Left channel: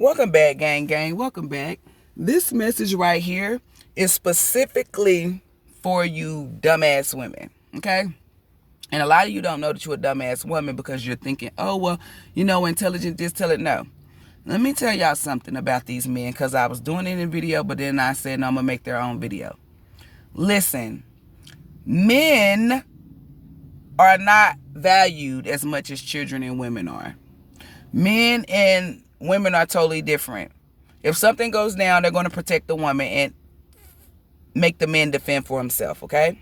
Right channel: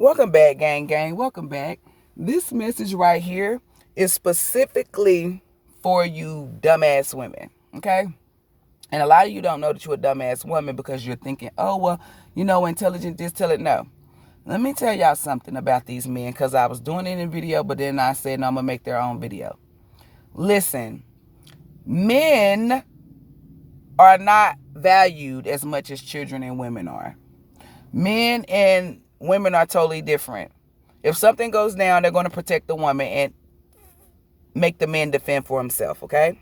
Welcome back, gang. Welcome back. This message right here is specifically for you dumbass women, okay? And a lot of you don't know that you're a dumbass woman because you're thinking, oh, well, intelligent, just tell it. No. Let me tell y'all something about these men because I was doing it in a video, but then I said, no, I'm going to make their own video. Listen, men are not valued as much as children and women are. Men and women are totally different. If something goes down, they're going to protect the woman and make the man defend for himself, okay?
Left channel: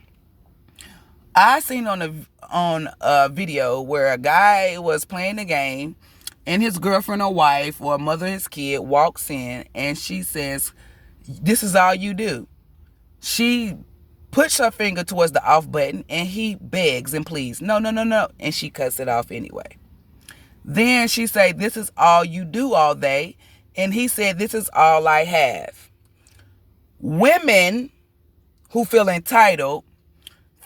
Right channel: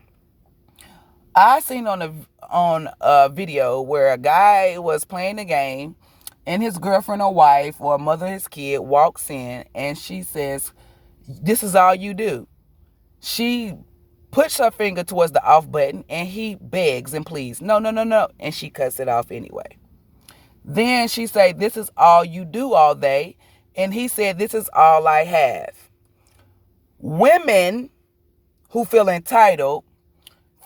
I seen on a video where a guy was playing a game and his girlfriend or wife or mother of his kid walks in and she says, this is all you do. She puts her finger towards the off button and he begs and pleads, no. And she cuts it off anyway. Then she said, this is all you do all day. And he said, this is all I have. Women who feel entitled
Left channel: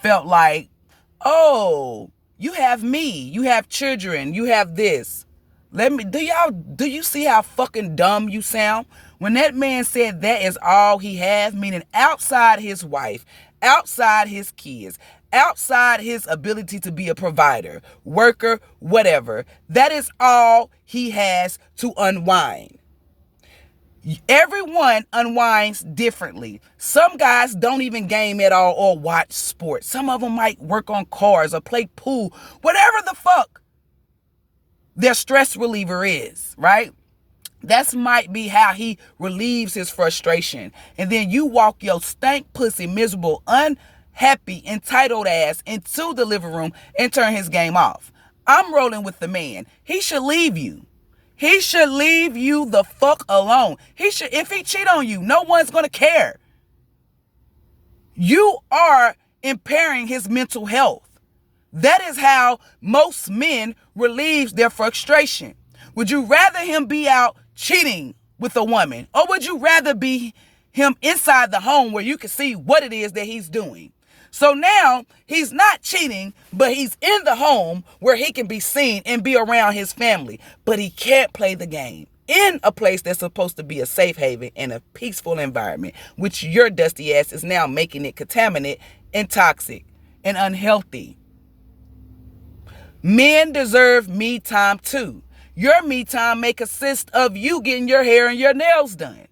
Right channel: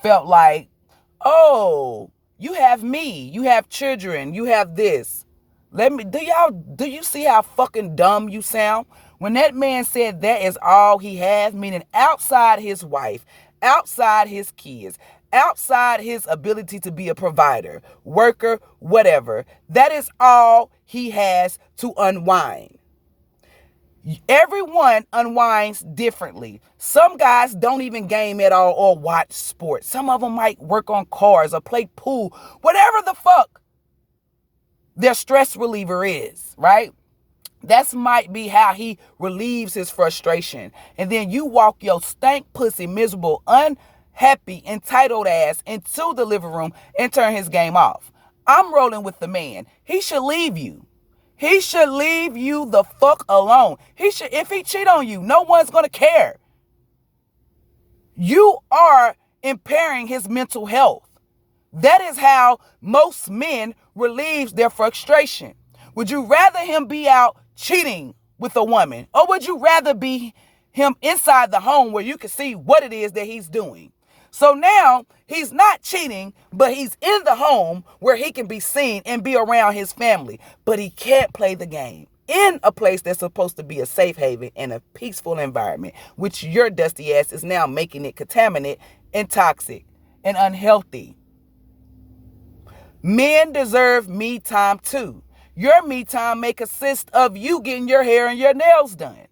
felt like, oh, you have me. You have children. You have this. Do you see how fucking dumb you sound? When that man said that is all he has, meaning outside his wife, outside his kids, outside his ability to be a provider, worker, whatever, that is all he has to unwind. Everyone unwinds differently. Some guys don't even game at all or watch sports. Some of them might work on cars or play pool, whatever the fuck their stress reliever is, right? That might be how he relieves his frustration. And then you walk your stank pussy, miserable, unhappy, entitled ass into the living room and turn his game off. I'm rolling with the man. He should leave you. He should leave you the fuck alone. If he cheat on you, no one's going to care. You are impairing his mental health. That is how most men relieve their frustration. Would you rather him be out cheating with a woman, or would you rather be him inside the home where you can see what it is that he's doing? So now he's not cheating, but he's in the home where he can be seen and be around his family, but he can't play the game in a place that's supposed to be a safe haven and a peaceful environment, which your dusty ass is now making it contaminant and toxic and unhealthy. Men deserve me time too. Your me time may consist of you getting your hair and your nails done.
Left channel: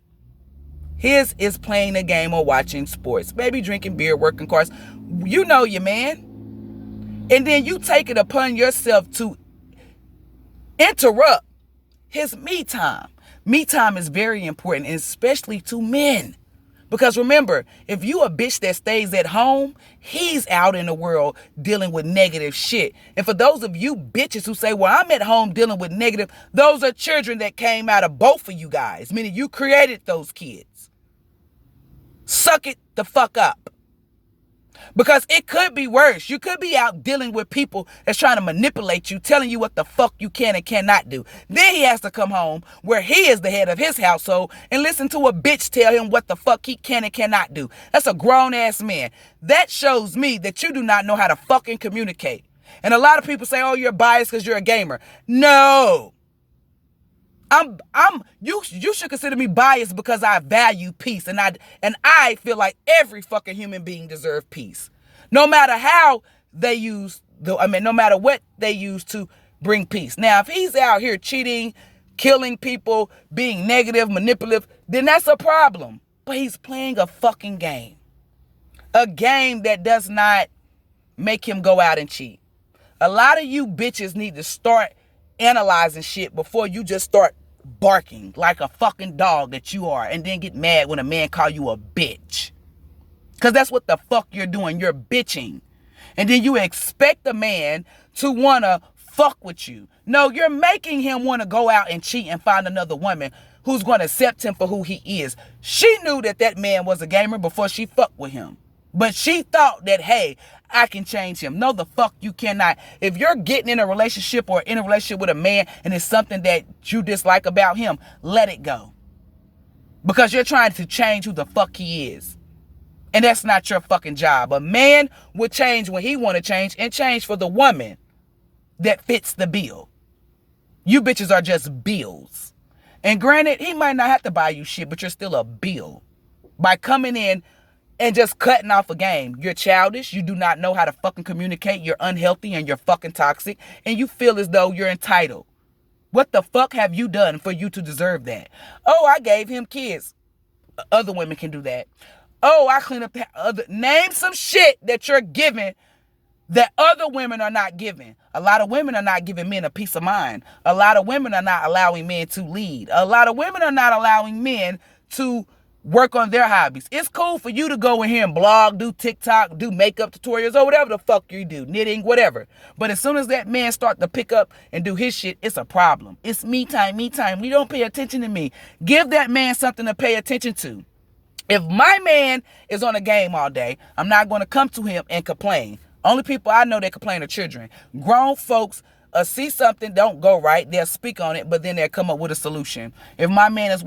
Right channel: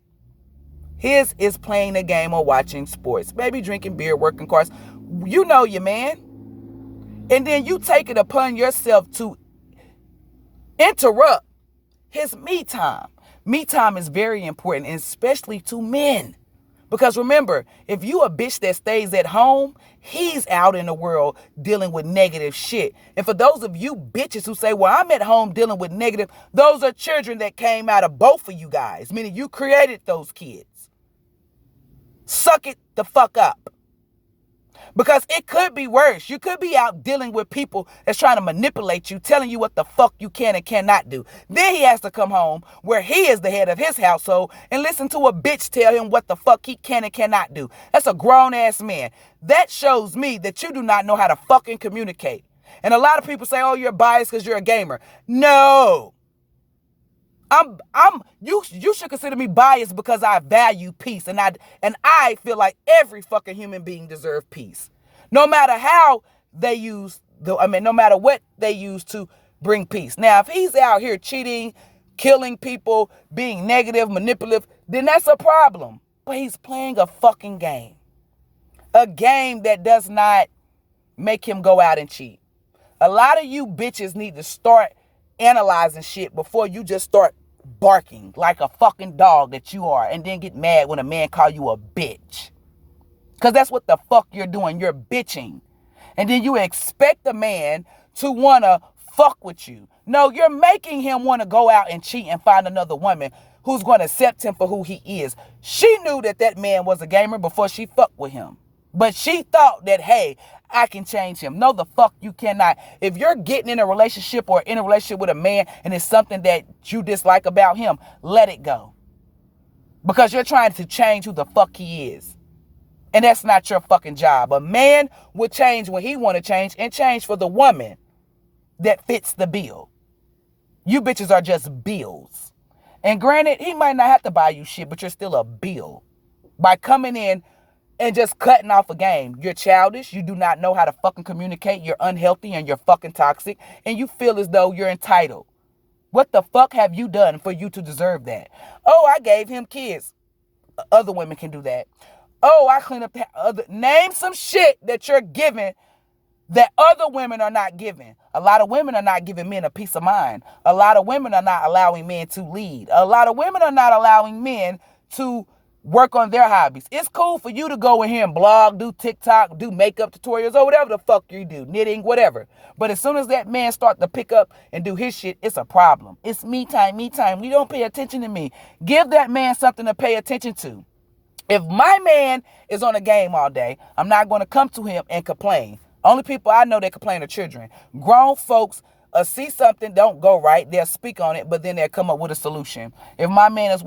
His is playing a game or watching sports, maybe drinking beer, working cars. You know your man. And then you take it upon yourself to interrupt his me time. Me time is very important, especially to men. Because remember, if you a bitch that stays at home, he's out in the world dealing with negative shit. And for those of you bitches who say, well, I'm at home dealing with negative, those are children that came out of both of you guys, meaning you created those kids. Suck it the fuck up. Because it could be worse. You could be out dealing with people that's trying to manipulate you, telling you what the fuck you can and cannot do. Then he has to come home where he is the head of his household and listen to a bitch tell him what the fuck he can and cannot do. That's a grown-ass man. That shows me that you do not know how to fucking communicate. And a lot of people say, oh, you're biased because you're a gamer. No. You should consider me biased because I value peace, and I feel like every fucking human being deserves peace, no matter how they use no matter what they use to bring peace. Now, if he's out here cheating, killing people, being negative, manipulative, then that's a problem. But he's playing a fucking game, a game that does not make him go out and cheat. A lot of you bitches need to start analyzing shit before you just start barking like a fucking dog that you are and then get mad when a man call you a bitch. Because that's what the fuck you're doing. You're bitching. And then you expect the man to want to fuck with you. No, you're making him want to go out and cheat and find another woman who's going to accept him for who he is. She knew that man was a gamer before she fucked with him. But she thought that, hey, I can change him. No, the fuck you cannot. If you're getting in a relationship or in a relationship with a man and it's something that you dislike about him, let it go. Because you're trying to change who the fuck he is. And that's not your fucking job. A man will change when he want to change and change for the woman that fits the bill. You bitches are just bills. And granted, he might not have to buy you shit, but you're still a bill. By coming in and just cutting off a game. You're childish. You do not know how to fucking communicate. You're unhealthy and you're fucking toxic. And you feel as though you're entitled. What the fuck have you done for you to deserve that? Oh, I gave him kids. Other women can do that. Oh, I clean up the name some shit that you're giving that other women are not giving. A lot of women are not giving men a peace of mind. A lot of women are not allowing men to lead. A lot of women are not allowing men to work on their hobbies. It's cool for you to go in here and blog, do TikTok, do makeup tutorials, or whatever the fuck you do, knitting, whatever. But as soon as that man start to pick up and do his shit, it's a problem. It's me time, me time. We don't pay attention to me. Give that man something to pay attention to. If my man is on a game all day, I'm not going to come to him and complain. Only people I know that complain are children. Grown folks see something don't go right, they'll speak on it, but then they'll come up with a solution. If my man is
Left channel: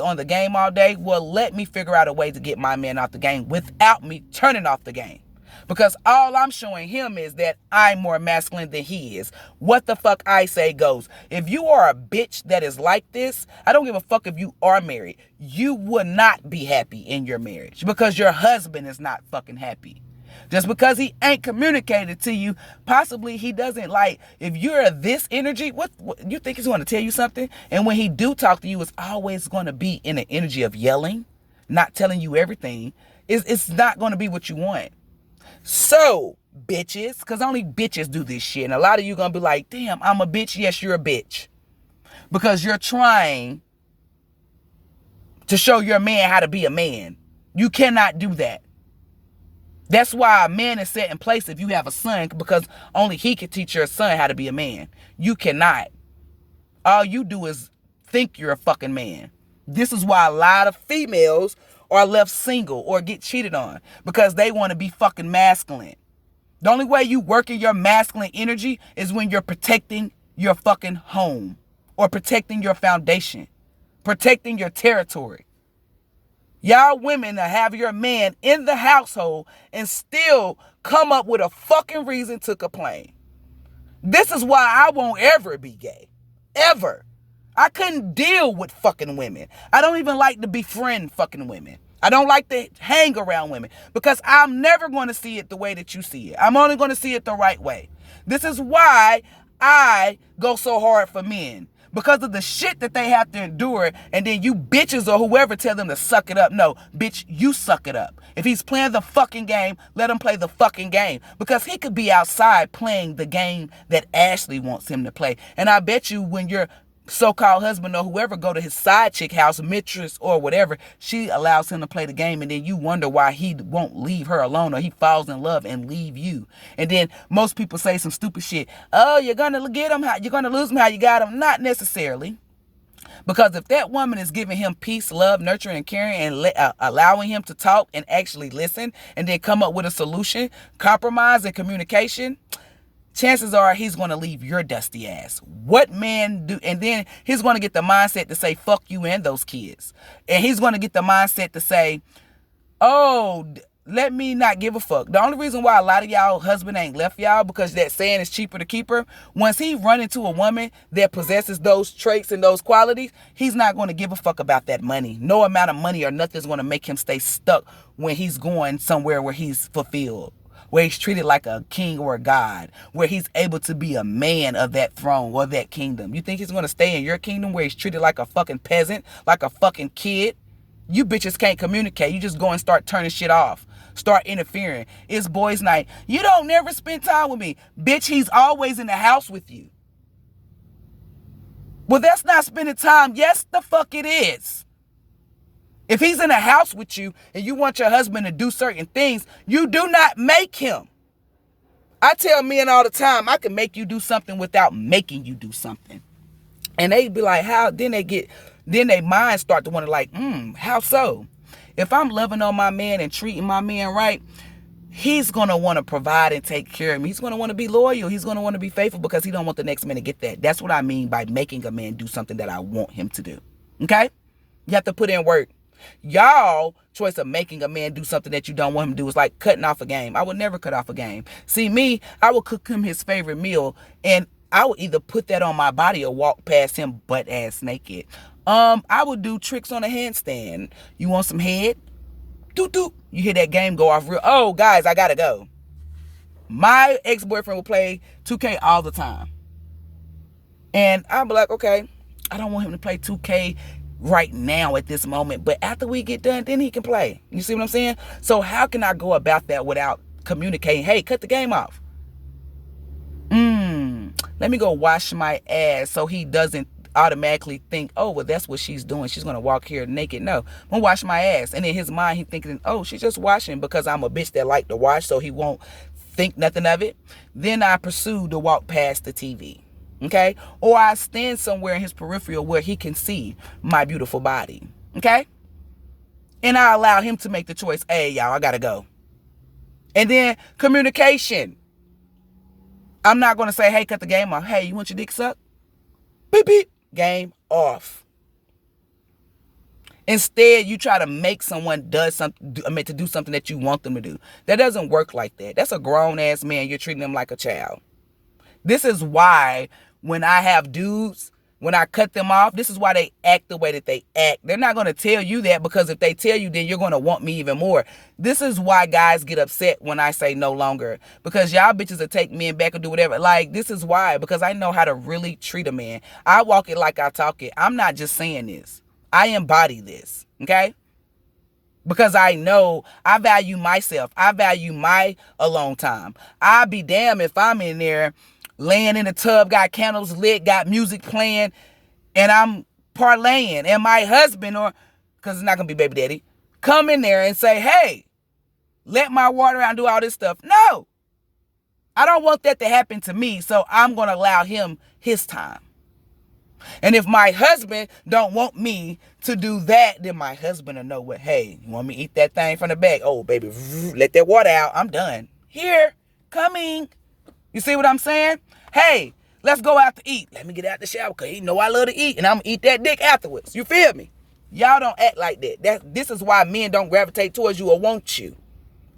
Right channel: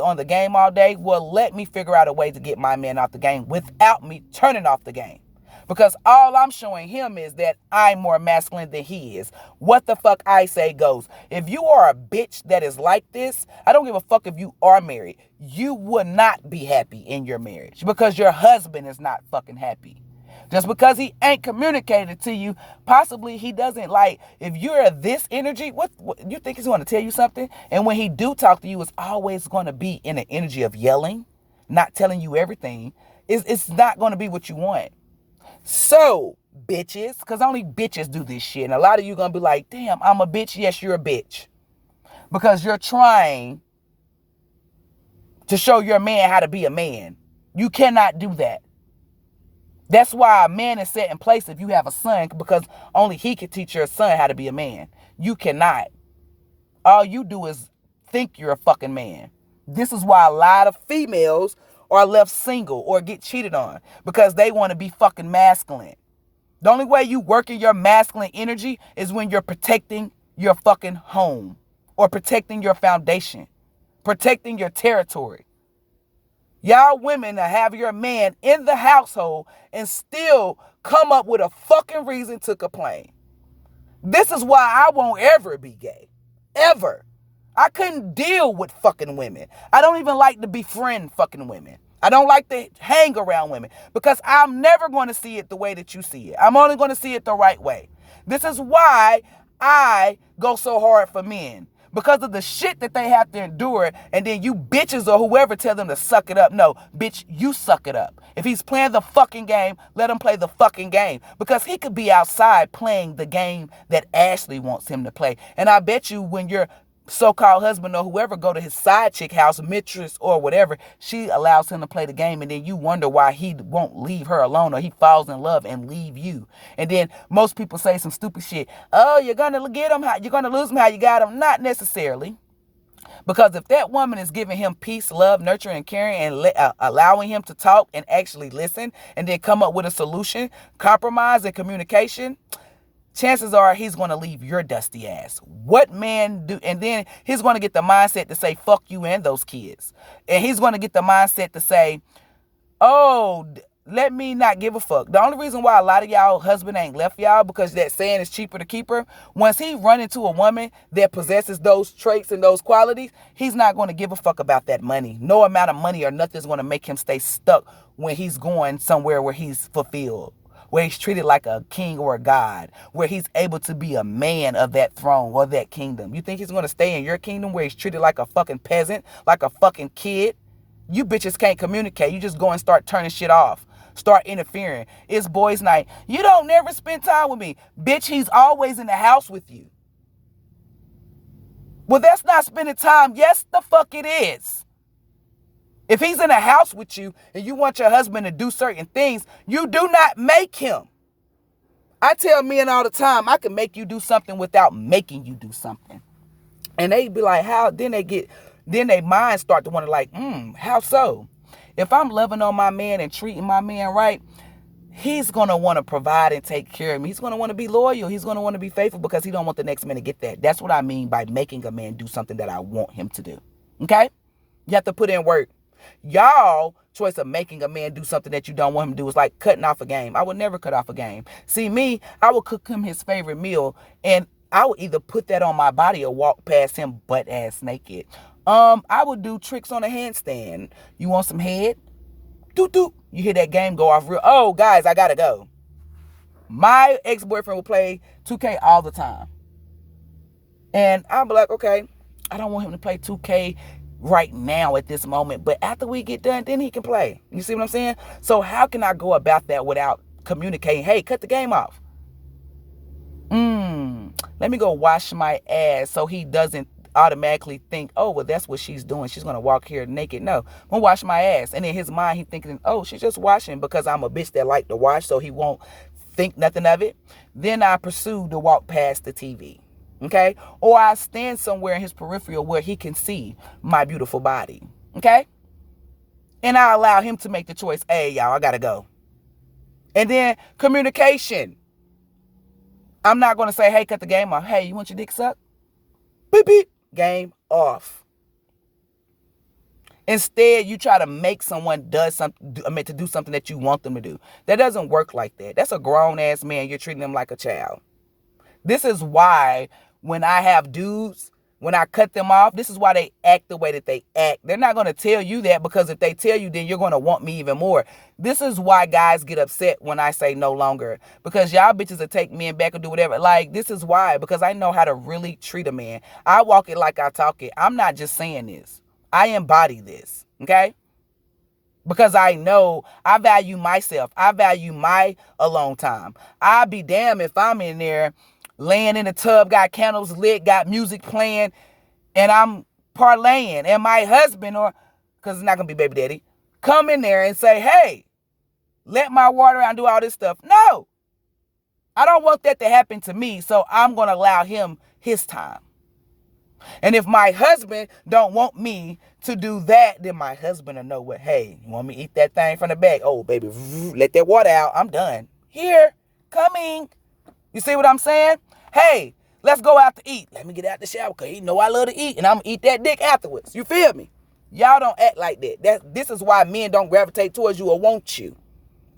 on the game all day, well, let me figure out a way to get my man off the game without me turning off the game. Because all I'm showing him is that I'm more masculine than he is. What the fuck I say goes. If you are a bitch that is like this, I don't give a fuck if you are married. You will not be happy in your marriage because your husband is not fucking happy. Just because he ain't communicated to you, possibly he doesn't like, if you're this energy, what you think he's going to tell you something? And when he do talk to you, it's always going to be in an energy of yelling, not telling you everything. It's not going to be what you want. So, bitches, because only bitches do this shit. And a lot of you going to be like, damn, I'm a bitch. Yes, you're a bitch. Because you're trying to show your man how to be a man. You cannot do that. That's why a man is set in place if you have a son, because only he can teach your son how to be a man. You cannot. All you do is think you're a fucking man. This is why a lot of females are left single or get cheated on, because they want to be fucking masculine. The only way you work in your masculine energy is when you're protecting your fucking home or protecting your foundation, protecting your territory. Y'all women that have your man in the household and still come up with a fucking reason to complain. This is why I won't ever be gay. Ever. I couldn't deal with fucking women. I don't even like to befriend fucking women. I don't like to hang around women because I'm never going to see it the way that you see it. I'm only going to see it the right way. This is why I go so hard for men. Because of the shit that they have to endure, and then you bitches or whoever tell them to suck it up. No, bitch, you suck it up. If he's playing the fucking game, let him play the fucking game. Because he could be outside playing the game that Ashley wants him to play. And I bet you when your so-called husband or whoever go to his side chick house, mistress or whatever, she allows him to play the game, and then you wonder why he won't leave her alone, or he falls in love and leave you. And then most people say some stupid shit. Oh, you're gonna get him, you're gonna lose him how you got him. Not necessarily. Because if that woman is giving him peace, love, nurture, and caring, and allowing him to talk and actually listen, and then come up with a solution, compromise and communication, chances are he's going to leave your dusty ass. What man do? And then he's going to get the mindset to say, fuck you and those kids. And he's going to get the mindset to say, oh, let me not give a fuck. The only reason why a lot of y'all husband ain't left y'all, because that saying is cheaper to keep her. Once he run into a woman that possesses those traits and those qualities, he's not going to give a fuck about that money. No amount of money or nothing is going to make him stay stuck when he's going somewhere where he's fulfilled, where he's treated like a king or a god, where he's able to be a man of that throne or that kingdom. You think he's going to stay in your kingdom where he's treated like a fucking peasant, like a fucking kid? You bitches can't communicate. You just go and start turning shit off. Start interfering. It's boys' night. You don't never spend time with me. Bitch, he's always in the house with you. Well, that's not spending time. Yes, the fuck it is. If he's in a house with you and you want your husband to do certain things, you do not make him. I tell men all the time, I can make you do something without making you do something. And they be like, how? Then they minds start to wonder like, how so? If I'm loving on my man and treating my man right, he's going to want to provide and take care of me. He's going to want to be loyal. He's going to want to be faithful because he don't want the next man to get that. That's what I mean by making a man do something that I want him to do. Okay? You have to put in work. Y'all choice of making a man do something that you don't want him to do is like cutting off a game. I would never cut off a game. See me, I would cook him his favorite meal and I would either put that on my body or walk past him butt ass naked. I would do tricks on a handstand. You want some head? Doot doot. You hear that game go off real. Oh, guys, I gotta go. My ex-boyfriend would play 2K all the time. And I'll be like, okay, I don't want him to play 2K right now at this moment, but after we get done, then he can play. You see what I'm saying? So how can I go about that without communicating? Hey, cut the game off. Let me go wash my ass so he doesn't automatically think, oh, well, that's what she's doing. She's going to walk here naked. No, I'm going to wash my ass. And in his mind, he's thinking, oh, she's just washing because I'm a bitch that like to wash, so he won't think nothing of it. Then I pursue to walk past the TV. Okay? Or I stand somewhere in his peripheral where he can see my beautiful body. Okay? And I allow him to make the choice. Hey, y'all, I got to go. And then communication. I'm not going to say, hey, cut the game off. Hey, you want your dick sucked? Beep, beep. Game off. Instead, you try to make someone do something that you want them to do. That doesn't work like that. That's a grown-ass man. You're treating them like a child. This is why when I have dudes, when I cut them off, this is why they act the way that they act. They're not going to tell you that, because if they tell you, then you're going to want me even more. This is why guys get upset when I say no longer, because y'all bitches will take men back or do whatever. Like, this is why, because I know how to really treat a man. I walk it like I talk it. I'm not just saying this. I embody this, okay? Because I know I value myself. I value my alone time. I'd be damned if I'm in there laying in the tub, got candles lit, got music playing, and I'm parlaying. And my husband, or, because it's not going to be baby daddy, come in there and say, hey, let my water out and do all this stuff. No, I don't want that to happen to me, so I'm going to allow him his time. And if my husband don't want me to do that, then my husband will know what, hey, you want me to eat that thing from the back? Oh, baby, let that water out. I'm done. Here, coming. You see what I'm saying? Hey, let's go out to eat. Let me get out the shower because he know I love to eat, and I'm going to eat that dick afterwards. You feel me? Y'all don't act like that. This is why men don't gravitate towards you or want you.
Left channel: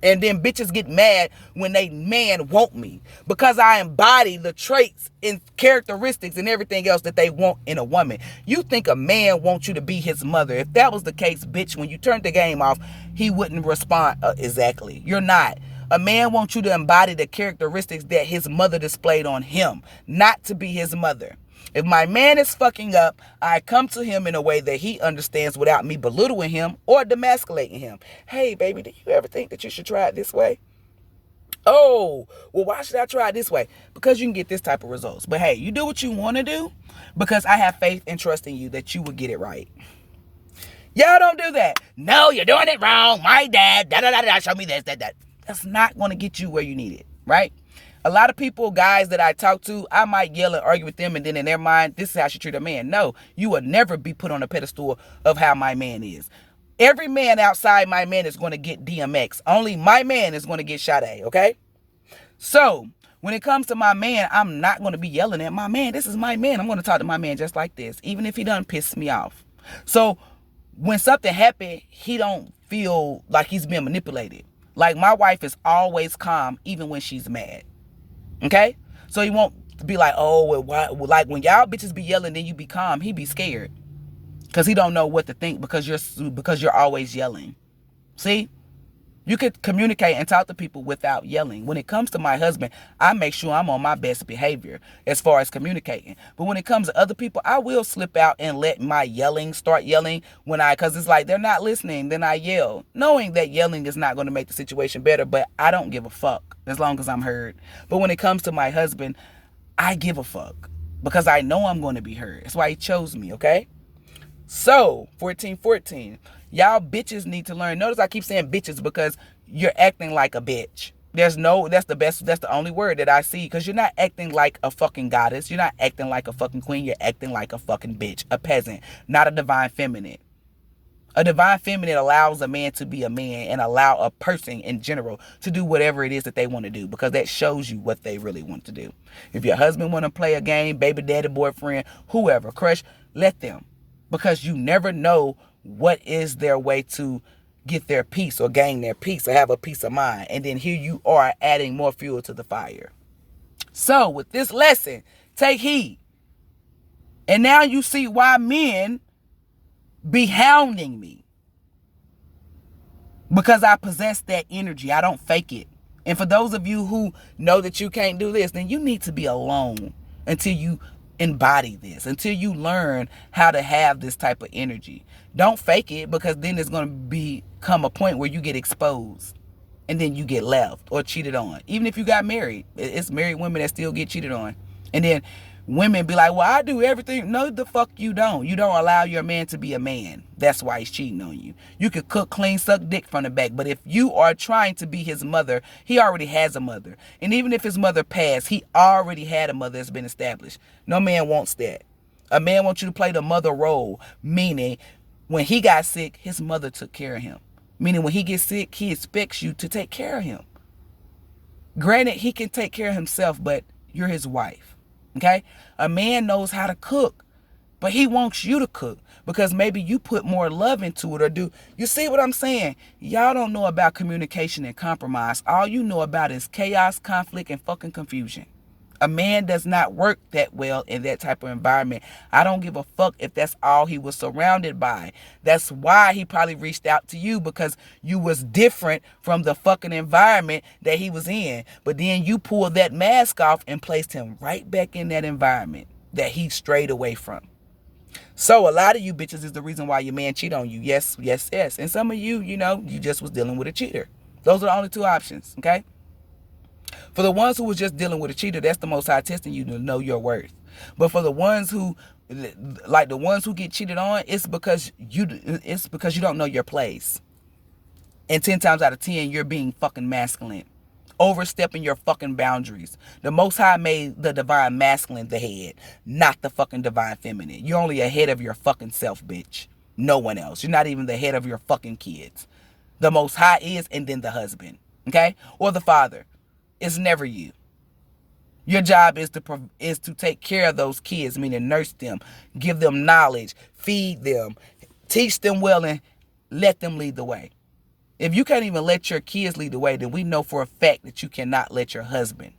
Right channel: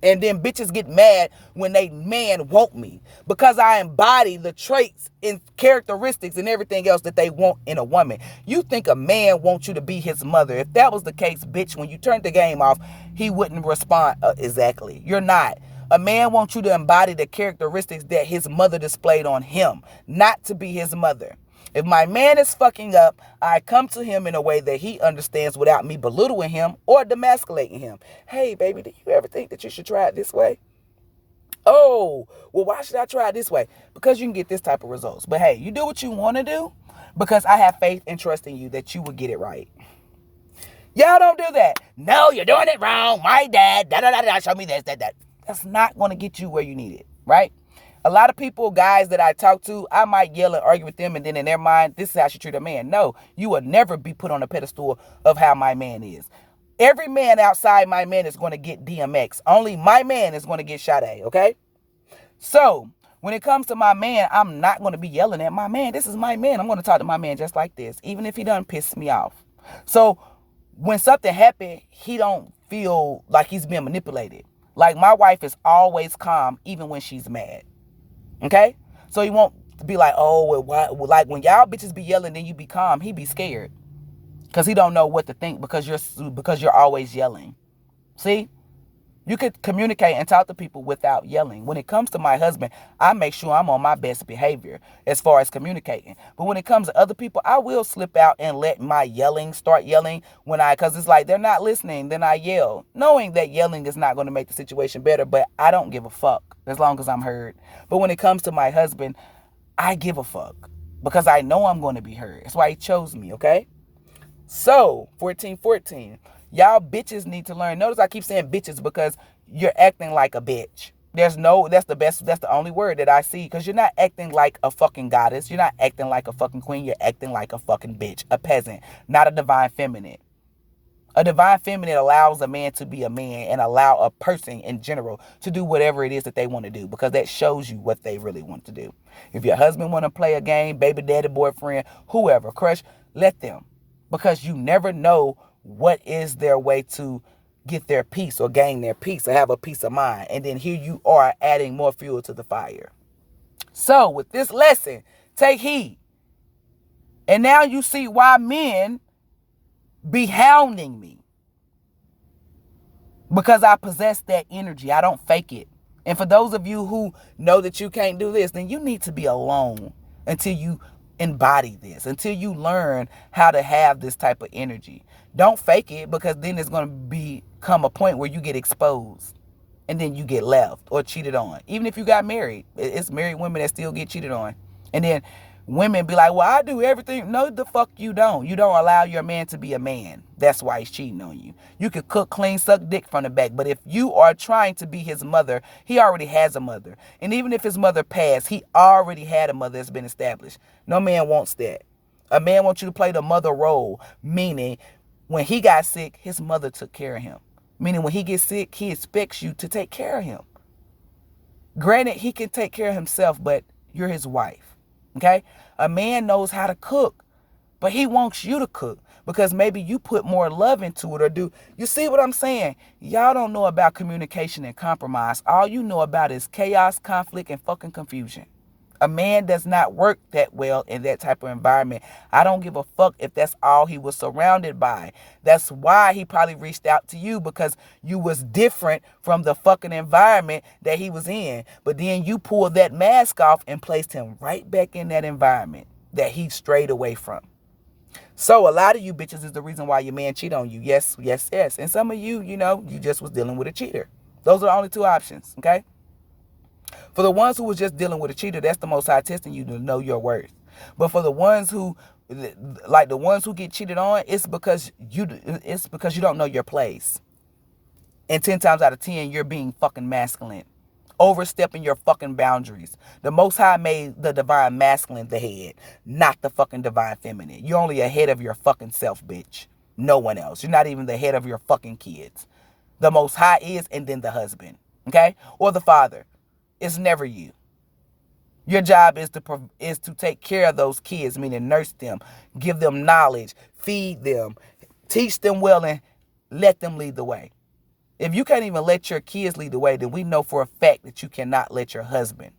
And then bitches get mad when they man want me, because I embody the traits and characteristics and everything else that they want in a woman. You think a man wants you to be his mother. If that was the case, bitch, when you turned the game off, he wouldn't respond exactly. You're not. A man wants you to embody the characteristics that his mother displayed on him, not to be his mother. If my man is fucking up, I come to him in a way that he understands without me belittling him or demasculating him. Hey, baby, do you ever think that you should try it this way? Oh, well, why should I try it this way? Because you can get this type of results. But hey, you do what you want to do, because I have faith and trust in you that you will get it right. Y'all don't do that. No, you're doing it wrong. My dad, da-da-da-da, show me this, that. That's not going to get you where you need it, right? A lot of people, guys that I talk to, I might yell and argue with them, and then in their mind, this is how she treat a man. No, you will never be put on a pedestal of how my man is. Every man outside my man is going to get DMX. Only my man is going to get Sade, okay? So, when it comes to my man, I'm not going to be yelling at my man. This is my man. I'm going to talk to my man just like this, even if he done piss me off. So, when something happened, he don't feel like he's being manipulated. Like, my wife is always calm, even when she's mad. Okay? So he won't be like, oh, well, why? Well, like when y'all bitches be yelling, then you be calm. He be scared because he don't know what to think, because you're always yelling. See? You could communicate and talk to people without yelling. When it comes to my husband, I make sure I'm on my best behavior as far as communicating. But when it comes to other people, I will slip out and let my start yelling because it's like they're not listening. Then I yell, knowing that yelling is not going to make the situation better. But I don't give a fuck as long as I'm heard. But when it comes to my husband, I give a fuck because I know I'm going to be heard. That's why he chose me, okay? So, 1414. Y'all bitches need to learn. Notice I keep saying bitches because you're acting like a bitch. That's the only word that I see, because you're not acting like a fucking goddess. You're not acting like a fucking queen. You're acting like a fucking bitch, a peasant, not a divine feminine. A divine feminine allows a man to be a man and allow a person in general to do whatever it is that they want to do, because that shows you what they really want to do. If your husband want to play a game, baby daddy, boyfriend, whoever, crush, let them, because you never know what is their way to get their peace or gain their peace or have a peace of mind. And then here you are adding more fuel to the fire. So with this lesson, take heed. And now you see why men be hounding me because I possess that energy. I don't fake it. And for those of you who know that you can't do this, then you need to be alone until you embody this, until you learn how to have this type of energy. Don't fake it, because then it's going to become a point where you get exposed and then you get left or cheated on. Even if you got married, it's married women that still get cheated on. And then women be like, well, I do everything. No, the fuck you don't. You don't allow your man to be a man. That's why he's cheating on you. You could cook, clean, suck dick from the back. But if you are trying to be his mother, he already has a mother. And even if his mother passed, he already had a mother that's been established. No man wants that. A man wants you to play the mother role, meaning when he got sick, his mother took care of him. Meaning when he gets sick, he expects you to take care of him. Granted, he can take care of himself, but you're his wife. Okay? A man knows how to cook, but he wants you to cook because maybe you put more love into it or do. You see what I'm saying? Y'all don't know about communication and compromise. All you know about is chaos, conflict, and fucking confusion. A man does not work that well in that type of environment. I don't give a fuck if that's all he was surrounded by. That's why he probably reached out to you, because you was different from the fucking environment that he was in. But then you pulled that mask off and placed him right back in that environment that he strayed away from. So a lot of you bitches is the reason why your man cheat on you. Yes, yes, yes. And some of you, you just was dealing with a cheater. Those are the only two options, okay? For the ones who was just dealing with a cheater, that's the Most High testing you to know your worth. But for the ones who, like the ones who get cheated on, it's because you don't know your place. And 10 times out of 10, you're being fucking masculine, overstepping your fucking boundaries. The Most High made the divine masculine the head, not the fucking divine feminine. You're only a head of your fucking self, bitch. No one else. You're not even the head of your fucking kids. The Most High is, and then the husband, okay, or the father. It's never you. Your job is to take care of those kids, meaning nurse them, give them knowledge, feed them, teach them well, and let them lead the way. If you can't even let your kids lead the way, then we know for a fact that you cannot let your husband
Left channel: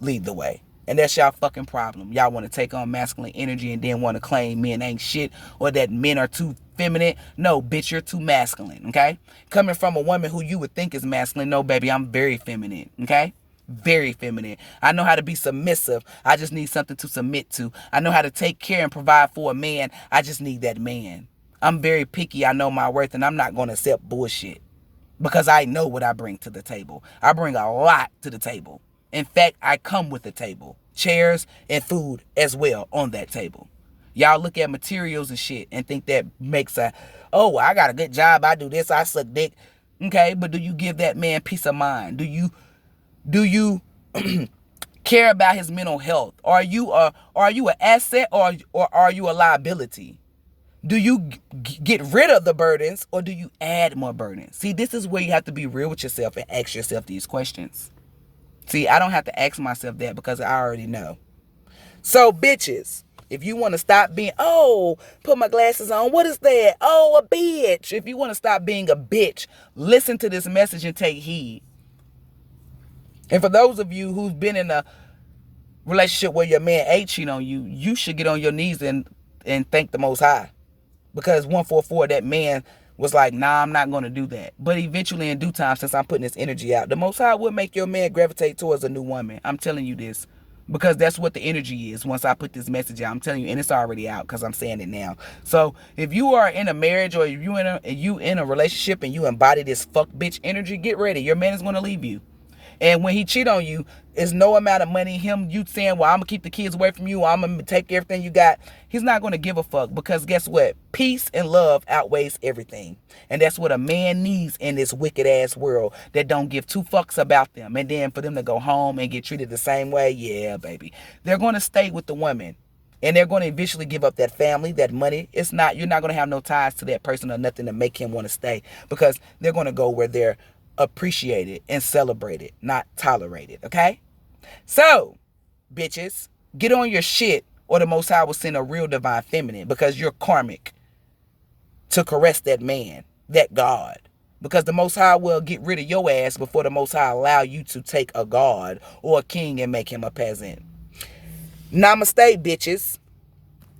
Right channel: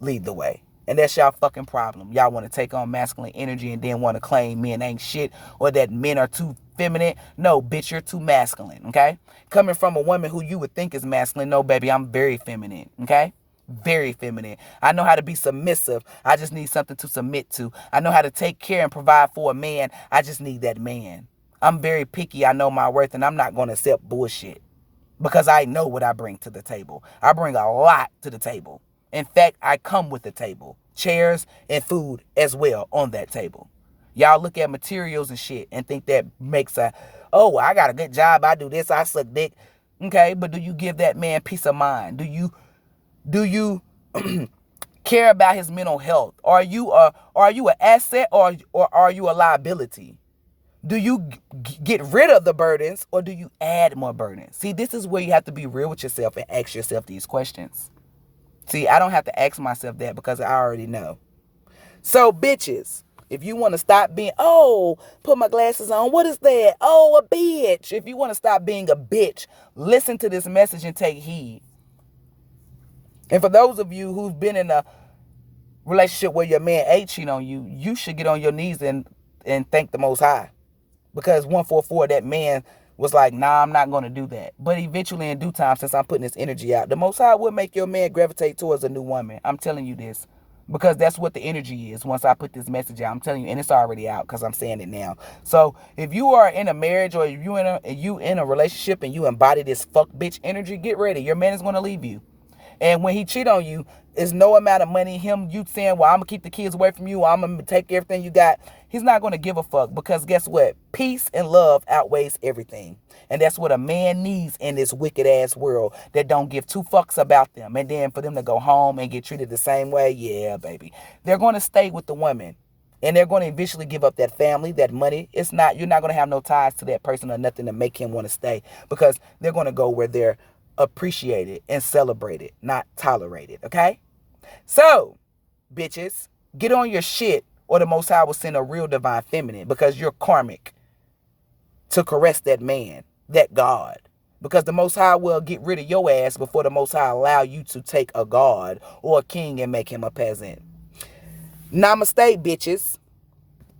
lead the way. And that's y'all fucking problem. Y'all want to take on masculine energy and then want to claim men ain't shit or that men are too feminine. No, bitch, you're too masculine, okay? Coming from a woman who you would think is masculine. No, baby, I'm very feminine, okay? Very feminine. I know how to be submissive. I just need something to submit to. I know how to take care and provide for a man. I just need that man. I'm very picky. I know my worth, and I'm not going to accept bullshit because I know what I bring to the table. I bring a lot to the table. In fact, I come with the table, chairs and food as well on that table. Y'all look at materials and shit and think that makes I got a good job. I do this. I suck dick. Okay, but do you give that man peace of mind? Do you care about his mental health? Are you an asset or are you a liability? Do you get rid of the burdens or do you add more burdens? See, this is where you have to be real with yourself and ask yourself these questions. See, I don't have to ask myself that because I already know. So, bitches, if you want to stop being, put my glasses on, what is that? Oh, a bitch. If you want to stop being a bitch, listen to this message and take heed. And for those of you who've been in a relationship where your man ain't cheating on you, you should get on your knees and thank the Most High. Because 144, that man was like, nah, I'm not going to do that. But eventually, in due time, since I'm putting this energy out, the Most High will make your man gravitate towards a new woman. I'm telling you this. Because that's what the energy is once I put this message out. I'm telling you, and it's already out because I'm saying it now. So if you are in a marriage or if you in a relationship and you embody this fuck bitch energy, get ready. Your man is going to leave you. And when he cheat on you, it's no amount of money, you saying, well, I'm going to keep the kids away from you, I'm going to take everything you got. He's not going to give a fuck because guess what? Peace and love outweighs everything. And that's what a man needs in this wicked ass world that don't give two fucks about them. And then for them to go home and get treated the same way, yeah, baby. They're going to stay with the woman. And they're going to eventually give up that family, that money. You're not going to have no ties to that person or nothing to make him want to stay because they're going to go where they're appreciated and celebrated, not tolerated, okay? So, bitches, get on your shit or the Most High will send a real divine feminine because you're karmic to caress that man, that God. Because the Most High will get rid of your ass before the Most High allow you to take a God or a king and make him a peasant. Namaste, bitches.